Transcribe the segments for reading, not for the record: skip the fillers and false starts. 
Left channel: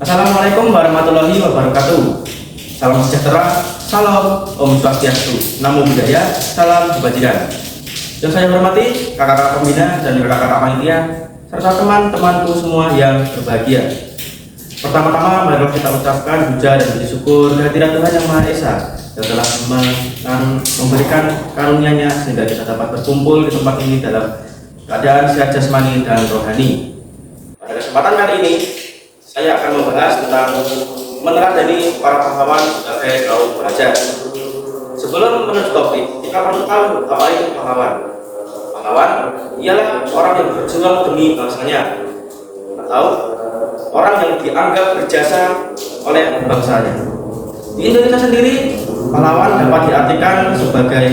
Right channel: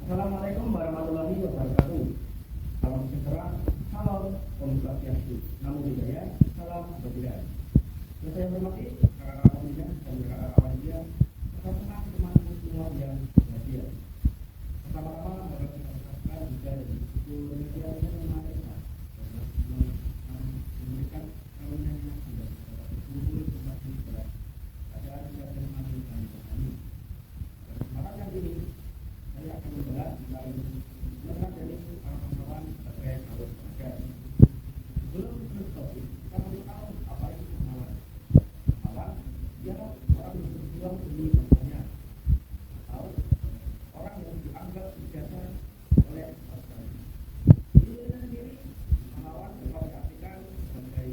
Assalamualaikum warahmatullahi wabarakatuh. Salam sejahtera, salam Om Swastiastu, Namo Buddhaya, salam kebajikan. Yang saya hormati kakak-kakak pembina dan kakak-kakak panitia serta teman-temanku semua yang berbahagia. Pertama-tama marilah kita ucapkan puja dan puji syukur kehadirat Tuhan Yang Maha Esa yang telah memberikan karunia-Nya sehingga kita dapat berkumpul di tempat ini dalam keadaan sehat jasmani dan rohani. Pada kesempatan kali ini saya akan membahas tentang meneladani para pahlawan sebagai kaum pelajar. Sebelum menuju topik, kita perlu tahu apa itu pahlawan. Pahlawan ialah orang yang berjuang demi bangsanya atau orang yang dianggap berjasa oleh bangsanya. Di Indonesia sendiri, pahlawan dapat diartikan sebagai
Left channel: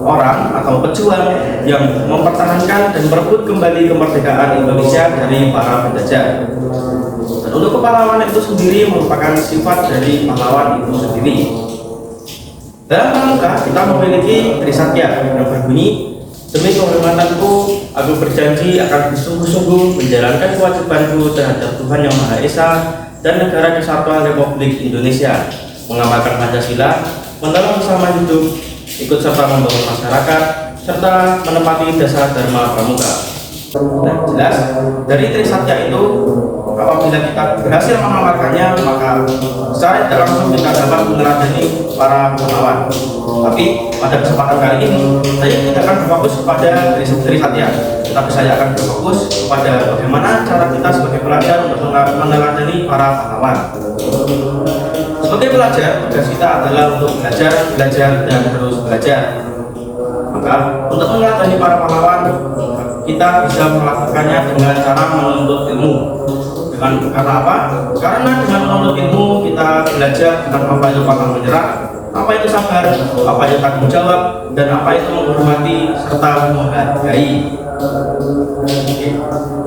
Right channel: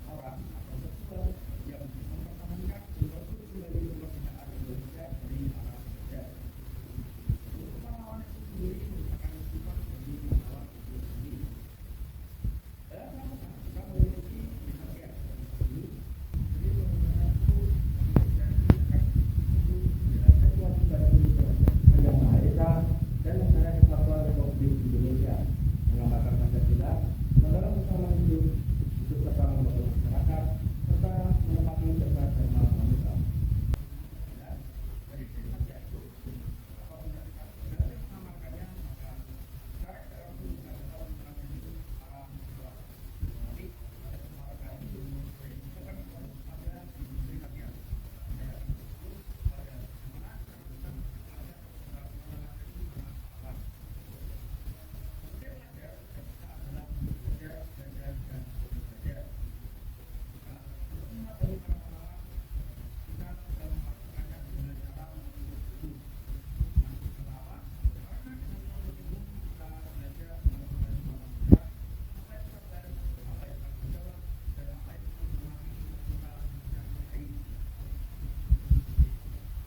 orang atau pejuang yang mempertahankan dan merebut kembali kemerdekaan Indonesia dari para penjajah. Dan untuk kepahlawanan itu sendiri merupakan sifat dari pahlawan itu sendiri. Dalam pramuka kita memiliki trisatya yang berbunyi, demi kehormatanku, aku berjanji akan bersungguh-sungguh menjalankan kewajibanku terhadap Tuhan Yang Maha Esa dan Negara Kesatuan Republik Indonesia, mengamalkan Pancasila, menolong sesama hidup, ikut serta membangun masyarakat, serta menepati dasar dharma pramuka. Dan jelas dari trisatya itu, apabila kita berhasil mengamalkannya, maka secara tidak langsung kita dapat meneladani para pahlawan. Tapi pada kesempatan kali ini, saya tidak akan berfokus pada trisatya, tetapi saya akan berfokus pada bagaimana cara kita sebagai pelajar untuk meneladani para pahlawan. Sebagai pelajar, tugas kita adalah untuk belajar, dan terus belajar. Maka untuk meneladani para pahlawan, kita bisa melakukannya dengan cara menuntut ilmu. Karena apa? Karena dengan menuntut ilmu kita belajar tentang apa itu pantang menyerah, apa itu sabar, apa itu tanggung jawab, dan apa itu menghormati serta menghargai.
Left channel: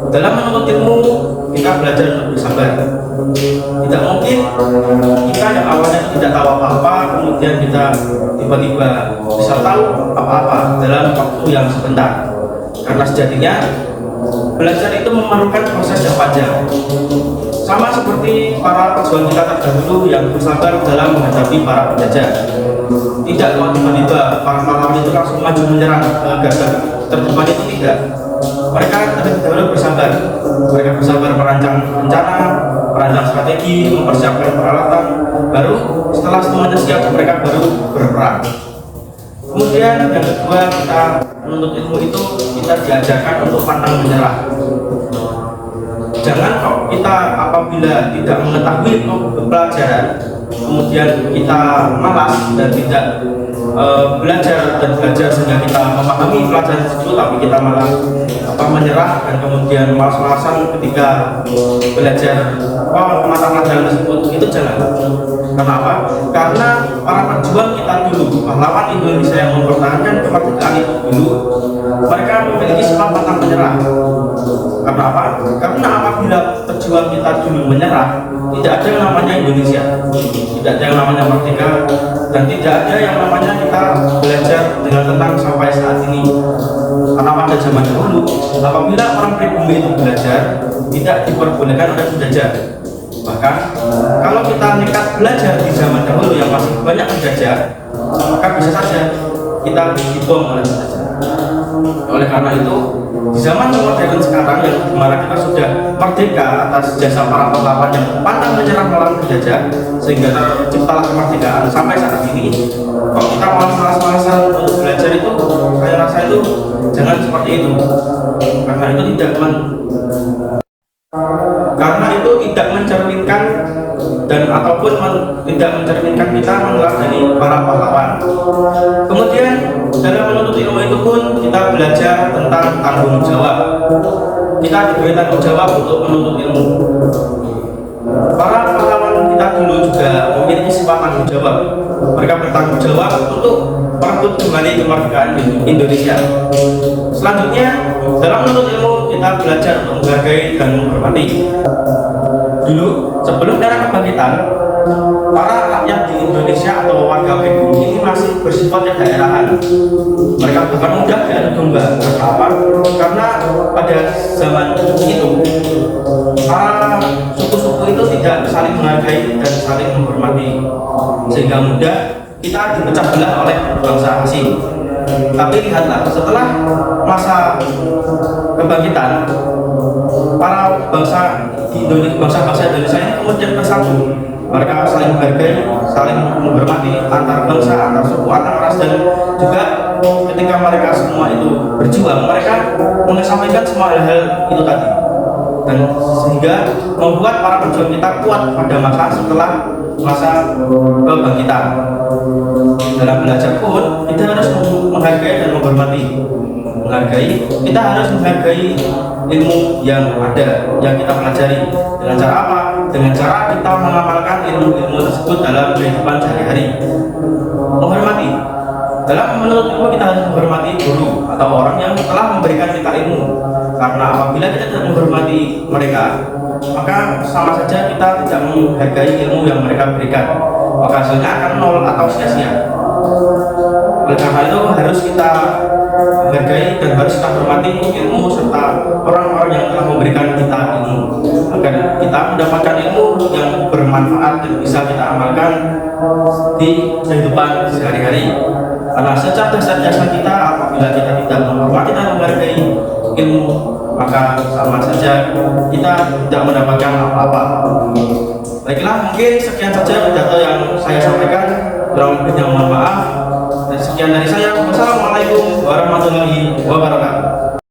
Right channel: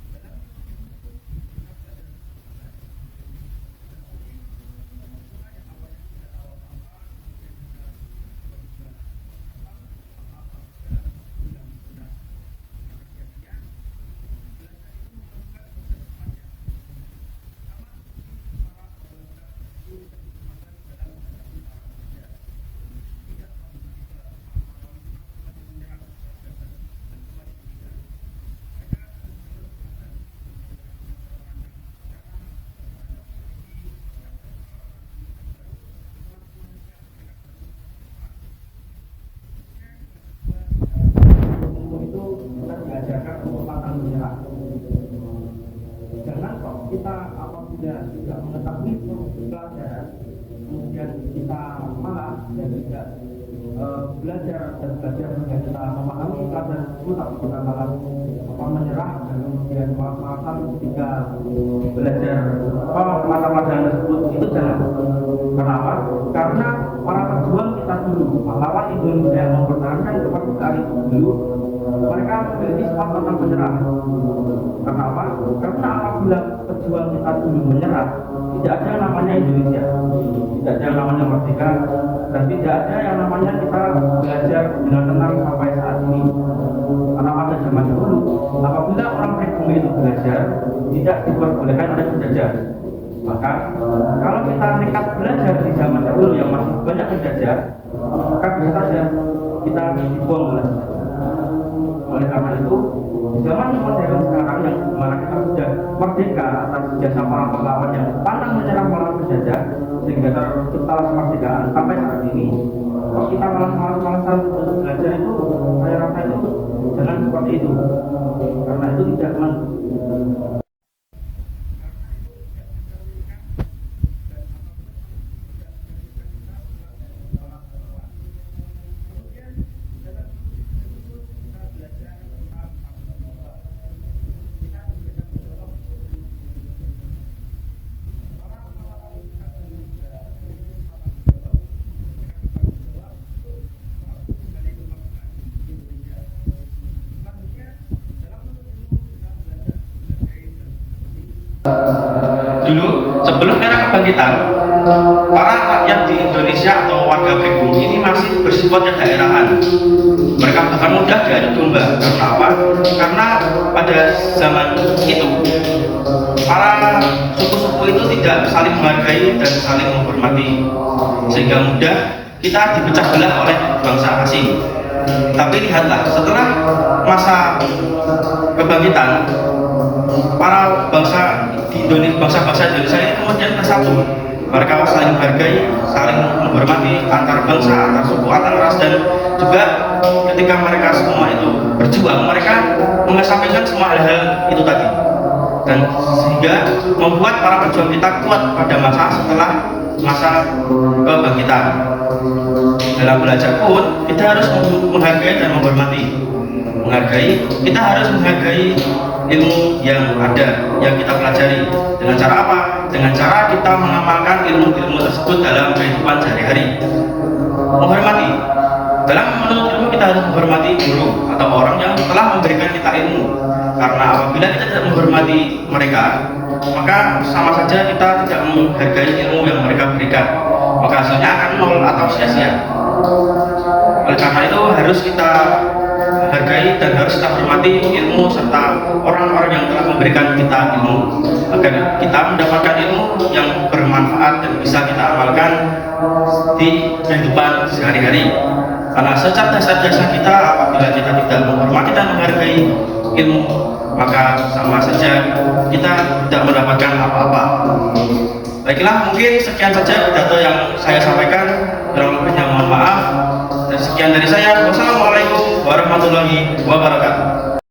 Dalam menuntut ilmu kita belajar untuk bersabar. Tidak mungkin kita yang awalnya tidak tahu apa-apa kemudian kita tiba-tiba bisa tahu apa-apa dalam waktu yang sebentar. Karena sejatinya belajar itu memerlukan proses yang panjang. Sama seperti para pejuang kita terdahulu yang bersabar dalam menghadapi para penjajah. Tidak tiba-tiba para pahlawan itu langsung maju menyerang gagah terdepan itu, tidak. Mereka terlebih dahulu bersabar. Mereka bersabar merancang rencana, merancang strategi, mempersiapkan peralatan. Baru setelah semuanya siap, mereka baru berperang. Kemudian yang kedua, kita menuntut ilmu itu kita diajarkan untuk pantang menyerah. Jangan kok kita apabila tidak mengetahui pelajaran, kemudian kita malas dan tidak belajar sehingga kita memahami pelajaran tersebut, tapi kita malah menyerah dan kemudian malas-malasan ketika belajar mata pelajaran tersebut. Itu jangan. Kenapa? Karena para pejuang kita dulu, pahlawan Indonesia yang mempertahankan kemerdekaan itu dulu, mereka memiliki sifat pantang menyerah. Karena apa? Karena apabila pejuang kita dulu menyerah, tidak ada yang namanya Indonesia, tidak ada yang namanya merdeka, dan tidak ada yang namanya kita belajar dengan tenang sampai saat ini. Karena pada zaman dahulu, apabila orang pribumi itu belajar, tidak diperbolehkan oleh penjajah. Bahkan kalau kita nekat belajar di zaman dahulu yang masih banyak penjajah, maka bisa saja kita dibom oleh penjajah. Oleh karena itu, di zaman modern sekarang yang dimana kita sudah merdeka atas jasa para pahlawan yang pantang menyerah melawan penjajah sehingga terciptalah kemerdekaan sampai saat ini, kalau kita malas-malasan untuk belajar itu, saya rasa itu jangan seperti itu. Karena itu tidak mencerminkan dan ataupun tidak mencerminkan kita meneladani para pahlawan. Kemudian dalam menuntut ilmu itu pun kita belajar tentang tanggung jawab. Kita diberi tanggung jawab untuk menuntut ilmu. Para pahlawan kita dulu juga memiliki sifat tanggung jawab. Mereka bertanggung jawab untuk merebut kembali kemerdekaan Indonesia. Selanjutnya, dalam menuntut ilmu kita belajar untuk menghargai dan menghormati. Dulu, sebelum era kebangkitan, para rakyat di Indonesia atau warga pribumi ini masih bersifat daerahan. Mereka bahkan mudah diadu domba. Karena apa? Karena pada zaman itu para suku-suku itu tidak saling menghargai dan saling menghormati, sehingga mudah kita dipecah belah oleh bangsa asing. Tapi lihatlah, setelah masa kebangkitan, para bangsa di Indonesia, bangsa-bangsa Indonesia ini kemudian bersatu. Mereka saling menghargai, saling menghormati antar bangsa, antar suku, antar ras, dan juga ketika mereka semua itu berjuang, mereka mengesampingkan semua hal-hal itu tadi, dan sehingga membuat para pejuang kita kuat pada masa setelah masa kebangkitan. Dalam belajar pun kita harus menghargai dan menghormati. Kita harus menghargai ilmu yang ada, yang kita pelajari. Dengan cara apa? Dengan cara kita mengamalkan ilmu-ilmu tersebut dalam kehidupan sehari-hari. Menghormati. Dalam menuntut ilmu kita harus menghormati guru atau orang yang telah memberikan kita ilmu. Karena apabila kita tidak menghormati mereka, maka sama saja kita tidak menghargai ilmu yang mereka berikan. Maka hasilnya akan nol atau sia-sia. Oleh karena itu harus kita hargai dan harus kita hormati ilmu serta orang-orang yang telah memberikan kita ilmu, agar kita mendapatkan ilmu yang bermanfaat dan bisa kita amalkan di kehidupan sehari-hari. Karena secerdas-cerdasnya kita, apabila kita tidak menghormati dan menghargai ilmu, maka sama saja kita tidak mendapatkan apa-apa. Baiklah, mungkin sekian saja pidato yang saya sampaikan. Kurang lebihnya mohon maaf. Dan sekian dari saya. Wassalamualaikum warahmatullahi wabarakatuh.